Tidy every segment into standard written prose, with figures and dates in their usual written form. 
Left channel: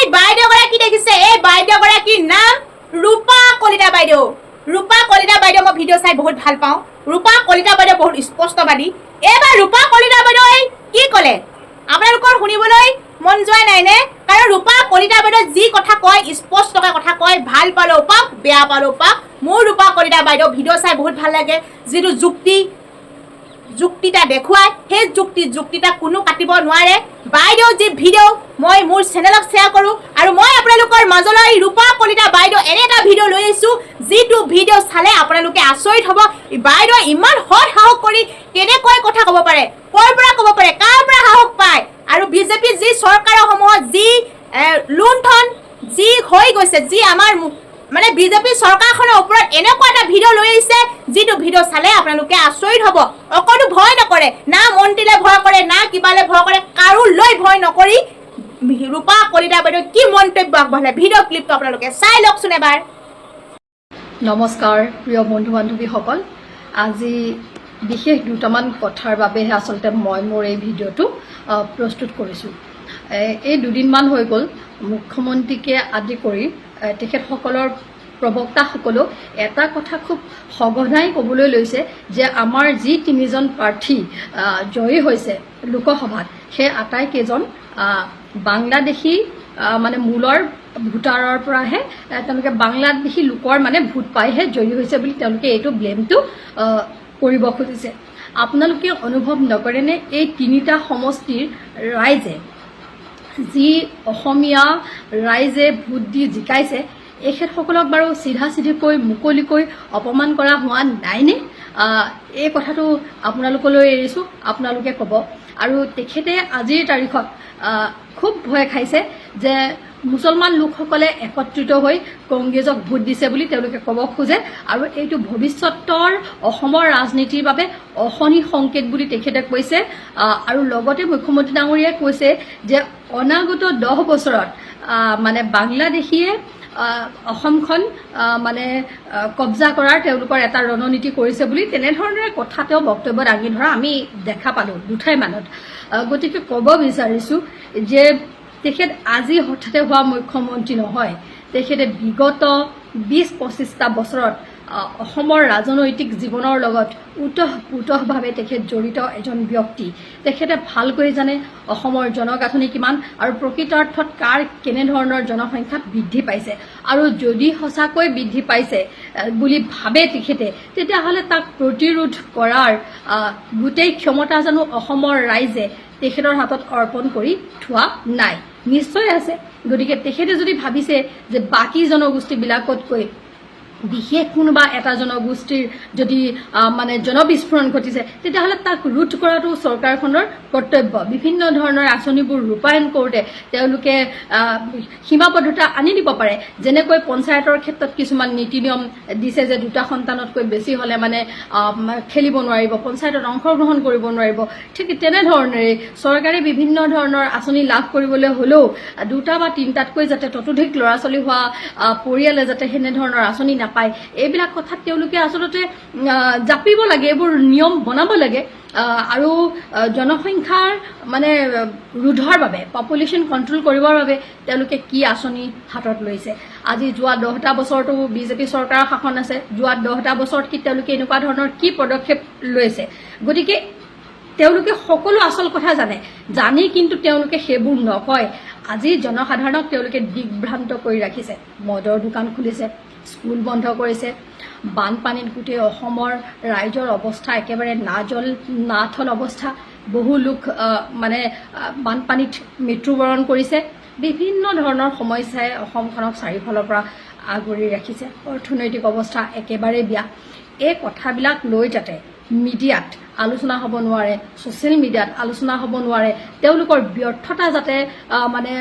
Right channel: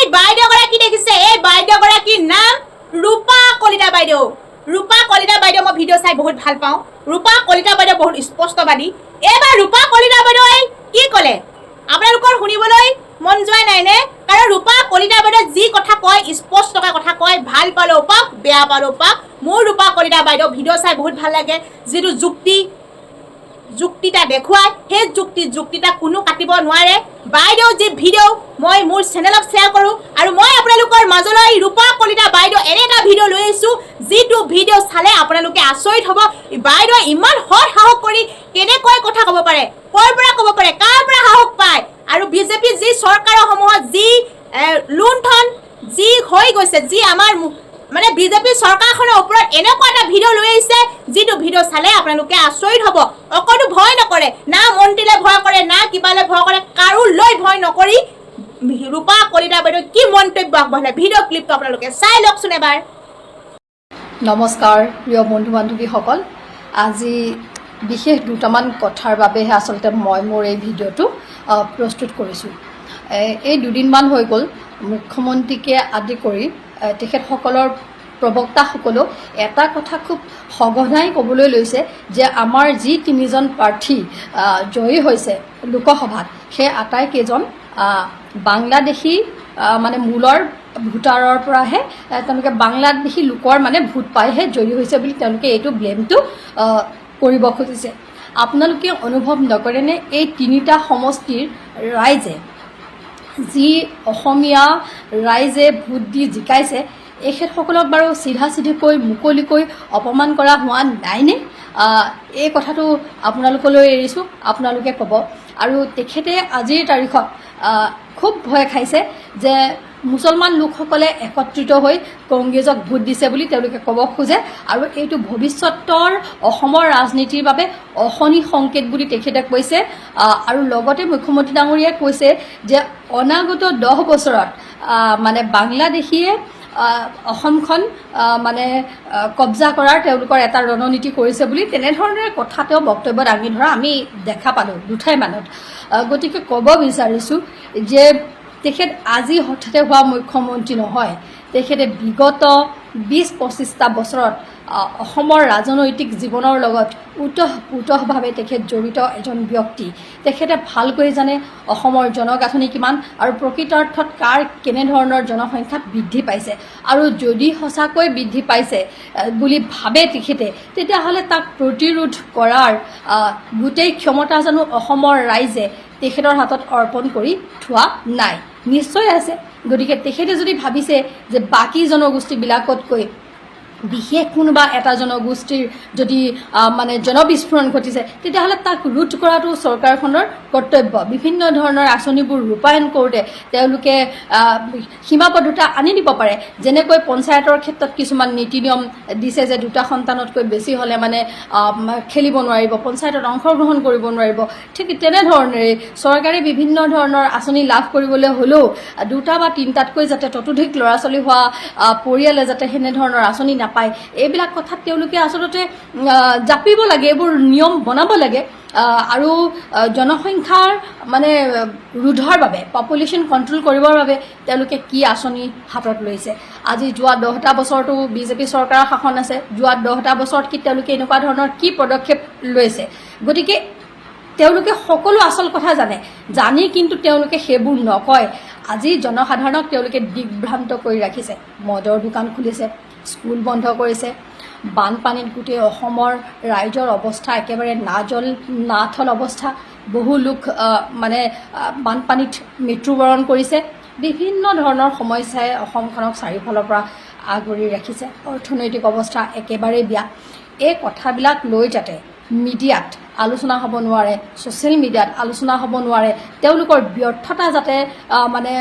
এই বাইদেউগৰাকী দেখিছে, এই বাইদেউগৰাকীৰ নাম ৰূপা কলিতা বাইদেউ। ৰূপা কলিতা বাইদেউ মই ভিডিঅ' চাই বহুত ভাল পাওঁ। ৰূপা কলিতা বাইদেউ বহুত স্পষ্টবাদী। এইবাৰ ৰূপা কলিতা বাইদেৱে কি ক'লে আপোনালোকৰ শুনিবলৈ মন যোৱা নাইনে? কাৰণ ৰূপা কলিতা বাইদেউ যি কথা কয়, স্পষ্টকৈ কথা কয়, ভাল পালেও পাওক, বেয়া পালেও পাওক। মোৰ ৰূপা কলিতা বাইদেউ ভিডিঅ' চাই বহুত ভাল লাগে। যিটো যুক্তিটা দেখুৱায়, সেই যুক্তিটা কোনো কাটিব নোৱাৰে। বাইদেউ যি ভিডিঅ' মই মোৰ চেনেলত শ্বেয়াৰ কৰোঁ, আৰু মই আপোনালোকৰ মাজলৈ ৰূপা কলিতা বাইদেউ এনে এটা ভিডিঅ' লৈ আহিছোঁ, যিটো ভিডিঅ' চালে আপোনালোকে আচৰিত হ'ব। বাইদেউ ইমান সৎ সাহস কৰি কেনেকৈ কথা ক'ব পাৰে, ক'ৰ পৰা ক'ব পাৰে, কাৰ পৰা সাহস পায়। আৰু বিজেপি যি চৰকাৰৰ সমূহত যি লুণ্ঠন যি হৈ গৈছে, যি আমাৰ মানে বিজেপি চৰকাৰখনৰ ওপৰত এনেকুৱা এটা ভিডিঅ' লৈ আহিছে, যিটো ভিডিঅ' চালে আপোনালোকে আচৰিত হ'ব। অকণো ভয় নকৰে, না মন্ত্ৰীলৈ ভয় কৰে, না কিবালৈ ভয় কৰে, কাৰোলৈ ভয় নকৰি ৰূপা কলিতা বাইদেউ কি মন্তব্য আগবঢ়ালে, ভিডিঅ' ক্লিপটো আপোনালোকে চাই লওকচোন এবাৰ। নমস্কাৰ প্ৰিয় বন্ধু বান্ধৱীসকল, আজি বিশেষ দুটামান কথাৰ বাবেহে আচলতে মই মোৰ এই ভিডিঅ'টো প্ৰস্তুত কৰিছোঁ। এই দুদিনমান হৈ গ'ল মুখ্যমন্ত্ৰীকে আদি কৰি তেখেতসকলৰ প্ৰবক্তাসকলেও এটা কথা খুব সঘনাই ক'বলৈ লৈছে যে আমাৰ যি তিনিজন প্ৰাৰ্থী জয়ী হৈছে লোকসভাত, সেই আটাইকেইজন বাংলাদেশী মানে মূলৰ ভোটাৰৰ পৰাহে তেওঁলোকে বাংলাদেশী লোকৰ মানে ভোট পাইহে জয়ী হৈছে বুলি তেওঁলোকে এইটো ব্লেমটো কৰিব খুজিছে। আপোনালোকে অনুভৱ নকৰেনে এই তিনিটা সমষ্টিৰ ৰাইজে যি অসমীয়া ৰাইজে ভোট দি জিকাইছে, এখেতসকলক বাৰু চিধাচিধিকৈ মুকলিকৈ অপমান কৰা হোৱা নাইনে? এই কথাটো আপোনালোকলৈ এৰিছোঁ, আপোনালোকে ক'ব। আৰু তেখেতে আজিৰ তাৰিখত খুব ভয় খাইছে যে মুছলমান লোকসকলে একত্ৰিত হৈ কংগ্ৰেছক ভোট দিছে বুলি তেওঁলোকে ক'ব খোজে, আৰু এইটো ভৱিষ্যতৰ অসমৰ ৰাজনীতিৰ বাবে অশনি সংকেত বুলি তেখেতে কৈছে। আৰু লগতে মুখ্যমন্ত্ৰী ডাঙৰীয়াই কৈছে যে অনাগত 10 বছৰত মানে বাংলাদেশীয়ে অসমখন মানে কব্জা কৰাৰ তেওঁলোকৰ এটা ৰণনীতি কৰিছে বুলি তেনেধৰণে কথা তেওঁ বক্তব্য দাঙি ধৰা আমি দেখা পালোঁ দুঠাইমানত। গতিকে ক'ব বিচাৰিছোঁ যে তেখেত আজি হঠাতে হোৱা মুখ্যমন্ত্ৰী নহয়, তেখেতে বিগত 20-25টা বছৰত অসমৰ ৰাজনৈতিক জীৱনৰ লগত ওতঃপ্ৰোতঃভাৱে তেখেত জড়িত এজন ব্যক্তি। তেখেতে ভালকৈ জানে অসমৰ জনগাঁথনি কিমান আৰু প্ৰকৃতাৰ্থত কাৰ কেনেধৰণৰ জনসংখ্যা বৃদ্ধি পাইছে, আৰু যদি সঁচাকৈ বৃদ্ধি পাইছে বুলি ভাবে তেখেতে, তেতিয়াহ'লে তাক প্ৰতিৰোধ কৰাৰ গোটেই ক্ষমতা জানো অসমৰ ৰাইজে তেখেতৰ হাতত অৰ্পণ কৰি থোৱা নাই? নিশ্চয় আছে। গতিকে তেখেতে যদি ভাবিছে যে বাকী জনগোষ্ঠীবিলাকতকৈ বিশেষ কোনোবা এটা জনগোষ্ঠীৰ যদি মানে জনবিস্ফোৰণ ঘটিছে, তেতিয়াহ'লে তাক ৰোধ কৰাটো চৰকাৰখনৰ কৰ্তব্য। বিভিন্ন ধৰণৰ আঁচনিবোৰ ৰূপায়ণ কৰোঁতে তেওঁলোকে সীমাবদ্ধতা আনি দিব পাৰে। যেনেকৈ পঞ্চায়তৰ ক্ষেত্ৰত কিছুমান নীতি নিয়ম দিছে যে 2টা সন্তানতকৈ বেছি হ'লে মানে খেলিব নোৱাৰিব, পঞ্চায়তত অংশগ্ৰহণ কৰিব নোৱাৰিব। ঠিক তেনেধৰণেৰে চৰকাৰে বিভিন্ন ধৰণৰ আঁচনি লাভ কৰিবলৈ হ'লেও 2টা বা 3টাতকৈ যাতে ততোধিক ল'ৰা ছোৱালী হোৱা পৰিয়ালে যাতে সেনেধৰণৰ আঁচনি নাপায়, এইবিলাক কথাত তেওঁলোকে আচলতে জাপিব লাগে, এইবোৰ নিয়ম বনাব লাগে। আৰু জনসংখ্যাৰ মানে ৰোধৰ বাবে, পপুলেশ্যন কণ্ট্ৰল কৰিবৰ বাবে তেওঁলোকে কি আঁচনি হাতত লৈছে? আজি যোৱা 10টা বছৰতো বিজেপি চৰকাৰৰ শাসন আছে, যোৱা 10টা বছৰত কি তেওঁলোকে এনেকুৱা ধৰণৰ কি পদক্ষেপ লৈছে? গতিকে তেওঁলোকে সকলো আচল কথা জানি কিন্তু তেওঁলোকে সেইবোৰ নকয়। আজি জনসাধাৰণক তেওঁলোকে দিগ্ভ্ৰান্ত কৰি ৰাখিছে। মদৰ দোকান খুলিছে, স্কুল বন্ধ কৰিছে, বানপানীত গোটেই অসমৰ ৰাইজৰ অৱস্থা একেবাৰে নাথল অৱস্থা। বহু লোক মানে বানপানীত মৃত্যুবৰণ কৰিছে। বিভিন্ন ধৰণৰ সমস্যাই অসমখনক চাৰিওফালৰ পৰা আগুৰি ৰাখিছে। অৰ্থনৈতিক অৱস্থা একেবাৰে বেয়া। এই কথাবিলাক লৈ যাতে মিডিয়াত আলোচনা হ'ব নোৱাৰে, ছ'চিয়েল মিডিয়াত আলোচনা হ'ব নোৱাৰে, তেওঁলোকৰ ব্যৰ্থতা যাতে মানে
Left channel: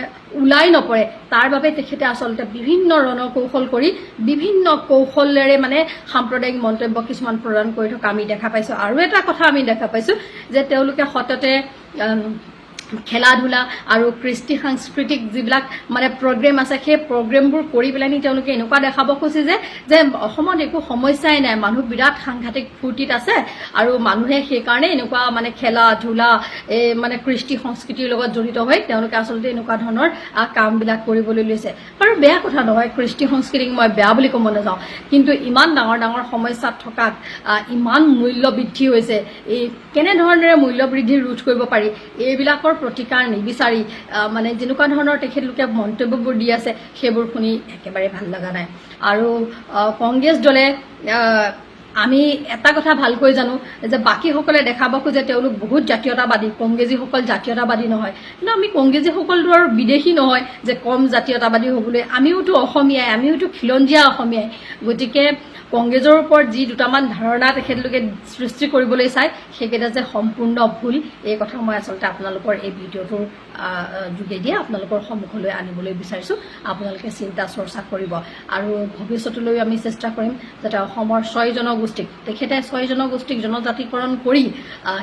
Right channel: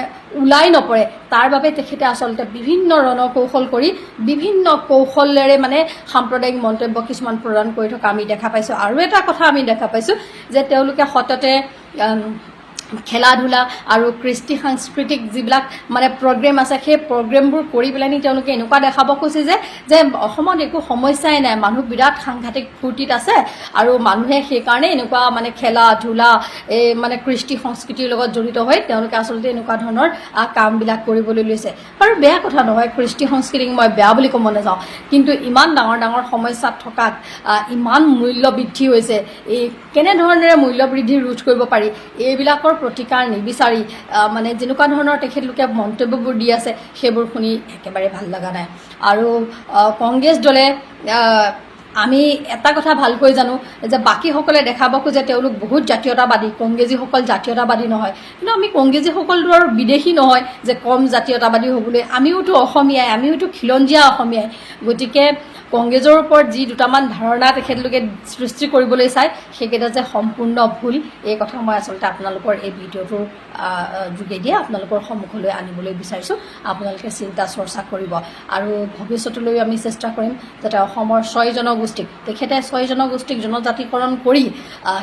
ওলাই নপৰে, তাৰ বাবে তেখেতে আচলতে বিভিন্ন ৰণকৌশল কৰি বিভিন্ন কৌশলেৰে মানে সাম্প্ৰদায়িক মন্তব্য কিছুমান প্ৰদান কৰি থকা আমি দেখা পাইছোঁ। আৰু এটা কথা আমি দেখা পাইছোঁ যে তেওঁলোকে সততে খেলা ধূলা আৰু কৃষ্টি সাংস্কৃতিক যিবিলাক মানে প্ৰগ্ৰেম আছে সেই প্ৰগ্ৰেমবোৰ কৰি পেলাই তেওঁলোকে এনেকুৱা দেখাব খুজিছে যে অসমত একো সমস্যাই নাই, মানুহ বিৰাট সাংঘাতিক ফূৰ্তিত আছে আৰু মানুহে সেইকাৰণে এনেকুৱা মানে খেলা ধূলা এই মানে কৃষ্টি সংস্কৃতিৰ লগত জড়িত হৈ তেওঁলোকে আচলতে এনেকুৱা ধৰণৰ কামবিলাক কৰিবলৈ লৈছে। বাৰু বেয়া কথা নহয়, কৃষ্টি সংস্কৃতিক মই বেয়া বুলি ক'ব নাযাওঁ, কিন্তু ইমান ডাঙৰ ডাঙৰ সমস্যাত থকাত ইমান মূল্য বৃদ্ধি হৈছে, এই কেনেধৰণেৰে মূল্য বৃদ্ধি ৰোধ কৰিব পাৰি এইবিলাকৰ প্ৰতিকাৰ নিবিচাৰি মানে যেনেকুৱা ধৰণৰ তেখেতলোকে মন্তব্যবোৰ দি আছে সেইবোৰ শুনি একেবাৰে ভাল লগা নাই। আৰু কংগ্ৰেছ দলে আমি এটা কথা ভালকৈ জানো যে বাকীসকলে দেখাব খোজে তেওঁলোক বহুত জাতীয়তাবাদী, কংগ্ৰেছীসকল জাতীয়তাবাদী নহয়, কিন্তু আমি কংগ্ৰেছীসকলটো আৰু বিদেশী নহয় যে কম জাতীয়তাবাদী হ'বলৈ, আমিওতো অসমীয়াই, আমিওতো খিলঞ্জীয়া অসমীয়াই। গতিকে কংগ্ৰেছৰ ওপৰত যি দুটামান ধাৰণা তেখেতলোকে সৃষ্টি কৰিবলৈ চায় সেইকেইটা যে সম্পূৰ্ণ ভুল, এই কথা মই আচলতে আপোনালোকৰ এই ভিডিঅ'টোৰ যোগেদিয়ে আপোনালোকৰ সন্মুখলৈ আনিবলৈ বিচাৰিছোঁ। আপোনালোকে চিন্তা চৰ্চা কৰিব আৰু ভৱিষ্যতলৈ আমি চেষ্টা কৰিম যাতে অসমৰ 6 জনগোষ্ঠীক তেখেতে 6 জনগোষ্ঠীক জনজাতিকৰণ কৰি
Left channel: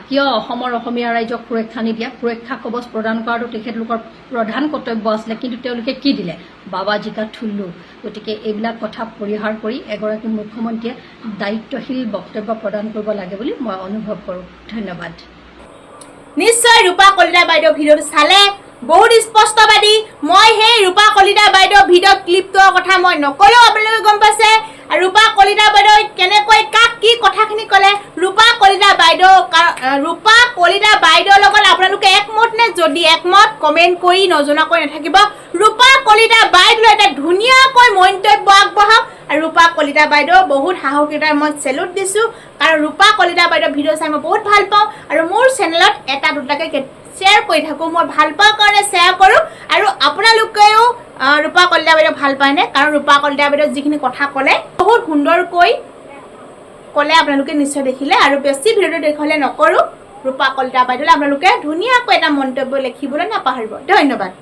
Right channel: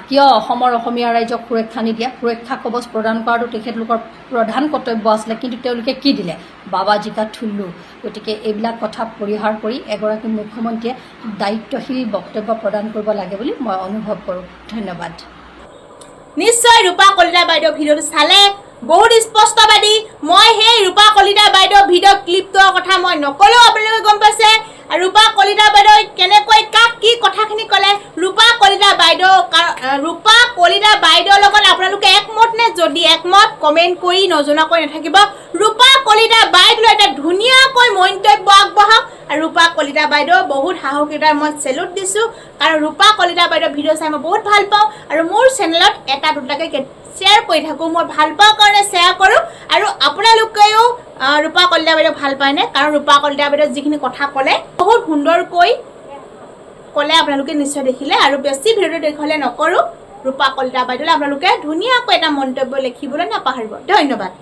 কিয় অসমৰ অসমীয়া ৰাইজক সুৰক্ষা নিদিয়া, সুৰক্ষা কবচ প্ৰদান কৰাটো তেখেতলোকৰ প্ৰধান কৰ্তব্য আছিলে, কিন্তু তেওঁলোকে কি দিলে? বাবাজী কা ঠুল্লু। গতিকে এইবিলাক কথা পৰিহাৰ কৰি এগৰাকী মুখ্যমন্ত্ৰীয়ে দায়িত্বশীল বক্তব্য প্ৰদান কৰিব লাগে বুলি মই অনুভৱ কৰোঁ। ধন্যবাদ। নিশ্চয় ৰূপা কলিতা বাইদেউ ভিডিঅ'টো চালে, বহুত স্পষ্টবাদী। মই সেই ৰূপা কলিতা বাইদেউ ভিডিঅ' ক্লিপটোৰ কথা মই নকলেও আপোনালোকে গম পাইছে। আৰু ৰূপা কলিতা বাইদেউ কেনেকৈ কাক কি কথাখিনি ক'লে, ৰূপা কলিতা বাইদেউৰ লগত আপোনালোকে একমত নে? যদি একমত কমেণ্ট কৰি নজনাকৈ নাথাকিব। ৰূপা কলিতা বাইদেউ এটা ধুনীয়াকৈ মন্তব্য আগবঢ়াওক। আৰু ৰূপা কলিতা বাইদেউ বহুত সাহসিকতাৰ মই চেলুট দিছোঁ, কাৰণ ৰূপা কলিতা বাইদেউ ভিডিঅ' চাই মই বহুত ভাল পাওঁ আৰু মোৰ চেনেলত এটা দুটাকৈ শ্বেয়াৰ কৰি থাকোঁ। মই ভাল পাওঁ কাৰণে শ্বেয়াৰ কৰোঁ। আৰু আপোনালোকেও ৰূপা কলিতা বাইদেউ ভাল পায়নে? কাৰণ ৰূপা কলিতা বাইদেউ যিখিনি কথা ক'লে বহুত সুন্দৰকৈ ক'লে, আপোনালোকে নিশ্চয় দেখিলে। আৰু বেছি ভিডিঅ'টো দেখুৱালে নকৰোঁ, ৰূপা কলিতা বাইদেউলৈ আপোনালোকে ধুনীয়াকৈ এটা মন্তব্য লিখিবলৈ নাপাহৰিব। ধন্যবাদ।